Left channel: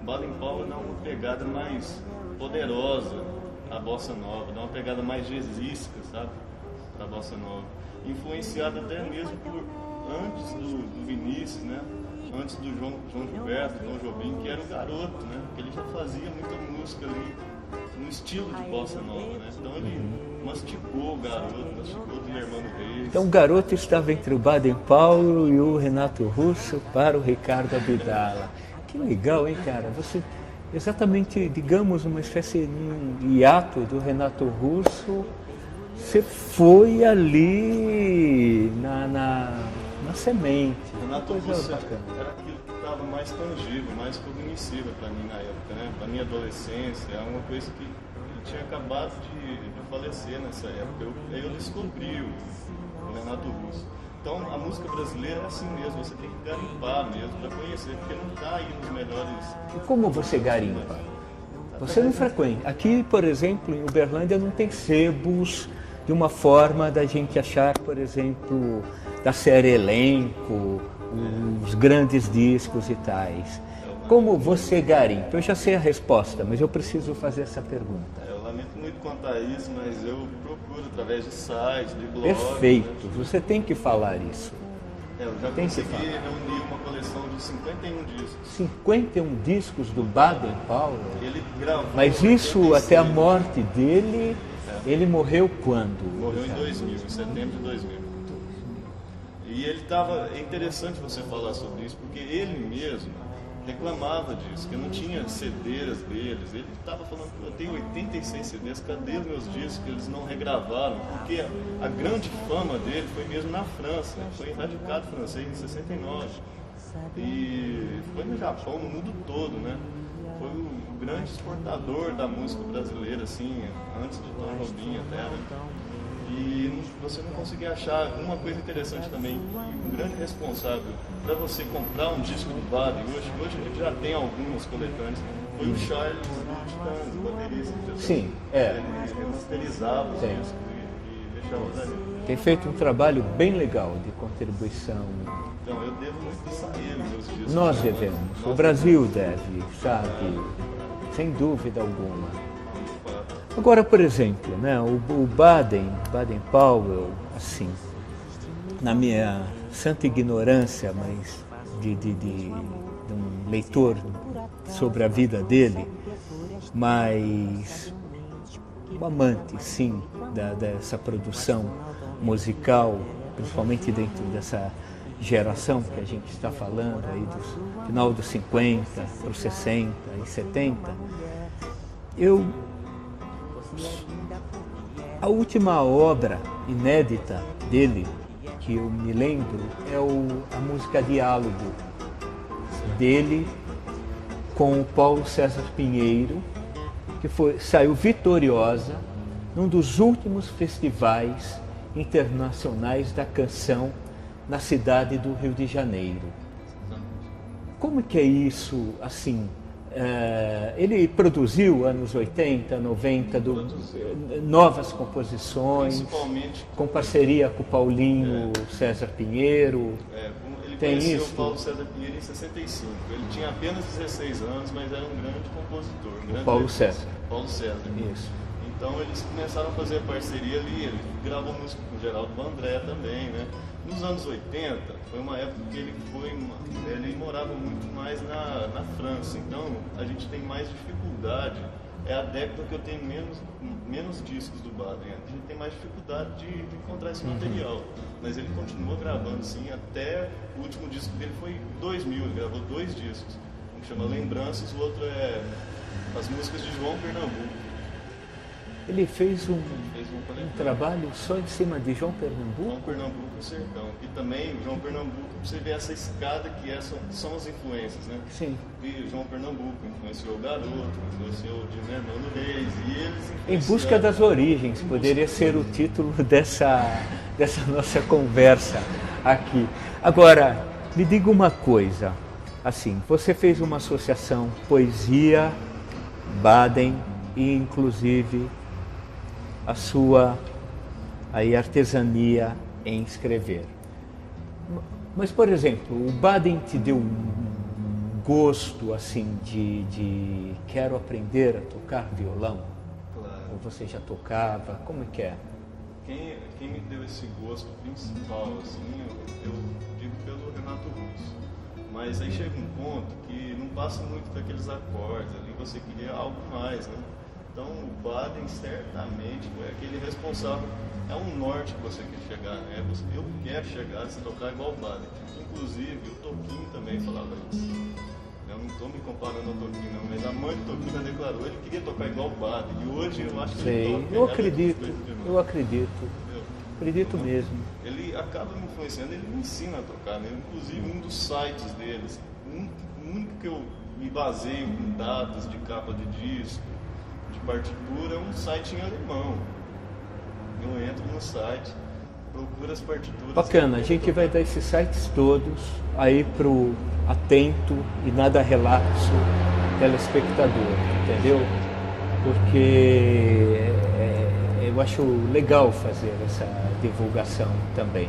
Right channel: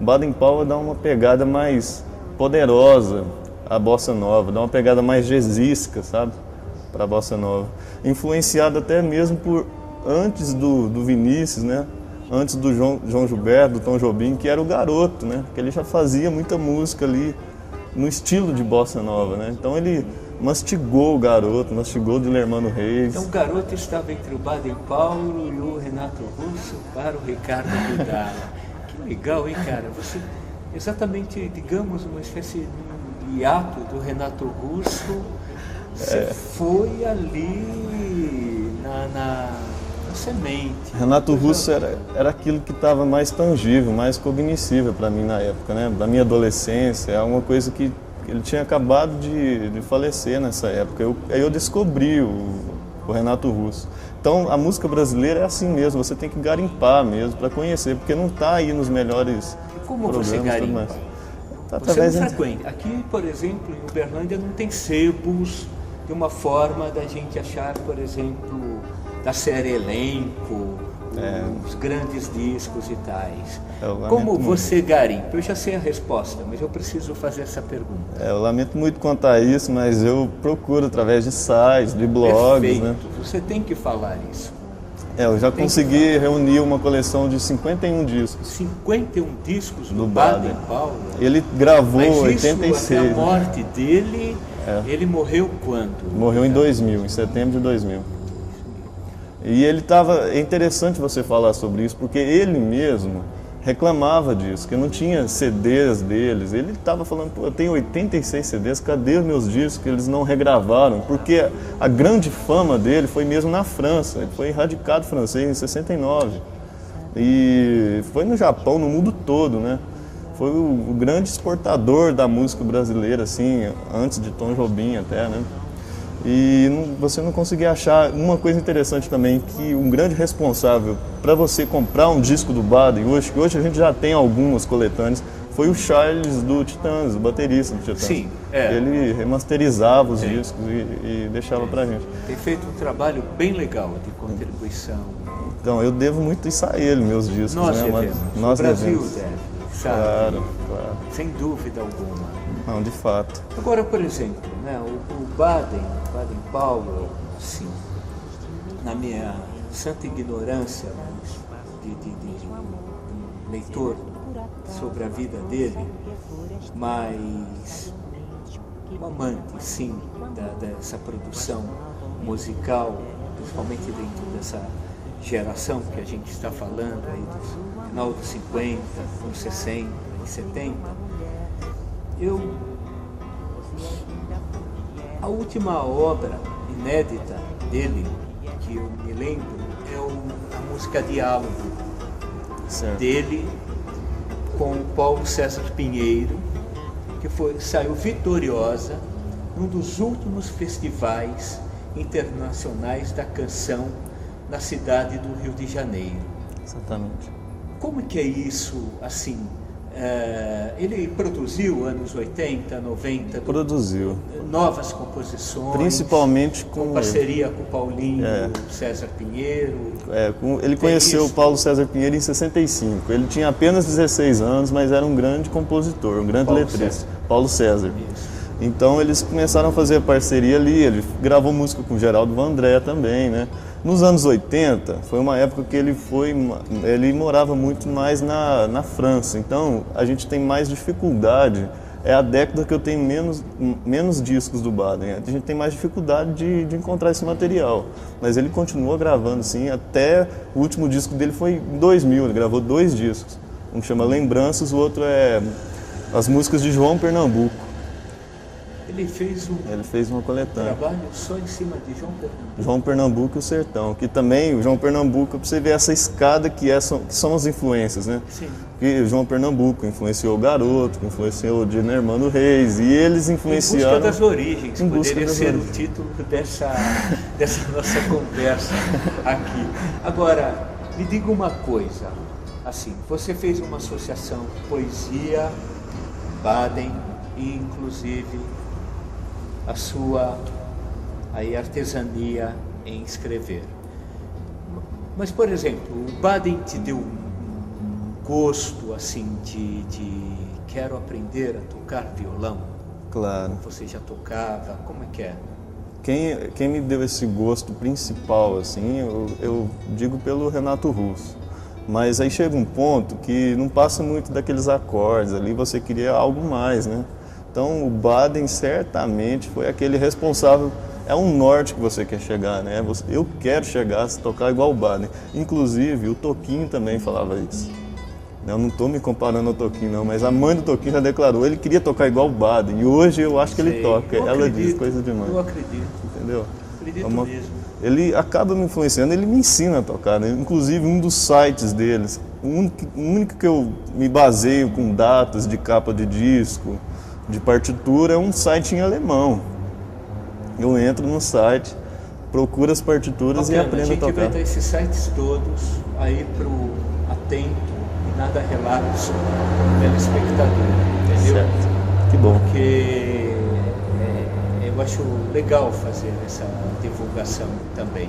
Baden Powell dá uma pegada mais poderosa à bossa nova, dá uma pegada mais jazzística, sabe, para a bossa nova. Influenciado até mesmo por antes do Vinícius, né? Antes do João Gilberto, do Tom Jobim, que era o Garoto, né? Que ele já fazia muita música ali no estilo de bossa nova, né? Então ele mastigou o Garoto, mastigou o Dilermano Reis. Então o Garoto estava entre o Baden Powell e o Renato Russo para o Ricardo Aguiar. Que legal, hein, cara? Você, exatamente, digamos, uma espécie de hiato do Renato Russo, você foi ali na semente. Renato Russo era aquilo que estava mais tangível, mais cognoscível para mim na época, né? Da minha adolescência, é uma coisa que ele tinha acabado de falecer nessa época. Aí eu descobri o Renato Russo. Então a música brasileira é assim mesmo, você tem que garimpar mesmo para conhecer, porque não está aí nos melhores. Como você garimpa? Você não frequenta. Aqui, por exemplo, em Uberlândia não tem sebos de uma forma da gente achar, por exemplo, da série Elenco, os grandes discos e tais. Como você garimpa? Eu já sei a resposta, mas eu preciso fazer essa pergunta. Eu lamento muito contar isso, mas eu procuro através de sites, de blogs. Perfeito. Né? Você tem que falar isso. Eu já consegui reunir uma coleção de 51 discos. 51 discos do Baden Powell? Ele gravou em 86. Mas isso, até a morte dele, ele morreu quando? Morreu em 2000, em setembro de 2000. E ele estava... É interessante você falar sobre isso, porque ele mesmo reclamava disso, que não tinha CDs deles. Ele estava falando, eu tenho 86 CDs, cadê os meus discos que eles não regravaram? Porque a grande fama dele foi mesmo na França, ele foi radicado francês em 69. E foi no Japão, no mundo todo, né? Foi o grande exportador da música brasileira, assim, antes de Tom Jobim até, né? E você não conseguia achar uma coisa interessante também, que um grande responsável para você comprar um disco do Baden, hoje a gente já tem algumas coletâneas, foi o Charles do Titãs, o baterista do Titãs. Sim, Ele remasterizava os discos e deixava pra gente. Tem feito um trabalho bem legal de contribuição. Então, eu devo muito isso a ele, meus discos. Nós né? devemos. O Brasil deve, sabe? Claro. Sem dúvida alguma. Não, de fato. Agora, por exemplo, né, o Baden Powell, assim, na minha santa ignorância, mas de um leitor sobre a vida dele, mas um amante, sim, dessa produção musical, principalmente dentro dessa geração que a gente está falando, aí do final dos 50, dos 60 e 70, a última obra inédita dele, que eu me lembro, é a música Diálogo, dele com o Paulo César Pinheiro, que saiu vitoriosa num dos últimos festivais internacionais da canção na cidade do Rio de Janeiro. Exatamente. Como que é isso, assim? Ele produziu anos 80, 90, Produziu. Novas composições, Principalmente com parceria com o Paulinho César Pinheiro. Ele conheceu o Paulo César Pinheiro em 65. Ele tinha apenas 16 anos, mas era um grande compositor, um grande letrista. Paulo César. Isso. Então eles começaram a fazer parceria ali. Ele gravou música com o Geraldo Vandré também, né? Nos anos 80, foi uma época que ele morava muito mais na França, então a gente tem mais dificuldade, é a década que eu tenho menos discos do Baden, a gente tem mais dificuldade de encontrar esse material, mas ele continua gravando sim, até o último disco dele foi em 2000, ele gravou 2 discos, um chama Lembranças, o outro é as músicas de João Pernambuco. Ele fez uma coletânea. trabalho só em cima de João Pernambuco. João Pernambuco e o Sertão, que também, o João Pernambuco, pra você ver essa escada que são as influências, né? Sim. Que o João Pernambuco influenciou o Garoto, influenciou o Dino Hermano Reis, e eles Em influenciaram... busca das origens, poderia ser o título dessa nossa conversa aqui. Agora, me diga uma coisa, assim, você fez uma associação poesia, Baden e inclusive a sua aí, artesania em escrever. Mas, por exemplo, o Baden te deu um gosto assim de quero aprender a tocar violão? Claro. Você já tocava? Como é que é? Quem me deu esse gosto principal, assim, eu digo pelo Renato Russo. Mas aí chega um ponto que não passa muito daqueles acordes ali, você queria algo mais, né? Então o Baden certamente foi aquele responsável, é um norte que você quer chegar, né? Eu quero chegar a tocar igual o Baden. Inclusive o Toquinho também falava isso. Eu não estou me comparando ao Toquinho não, mas a mãe do Toquinho já declarou, ele queria tocar igual o Baden, e hoje eu acho que ele toca. Ela diz coisa demais. Eu acredito. Entendeu? Acredito mesmo. Ele acaba me influenciando, ele me ensina a tocar, né? Inclusive um dos sites deles, o único que eu me baseio com datas de capa de disco, de partitura, é um site em alemão. Eu entro no site, procuro as partituras e aprendo a tocar. A gente vai dar esses sites todos aí pro atento e nada relatos telespectador, entendeu? Certo. Que bom. Porque eu acho legal fazer essa divulgação também.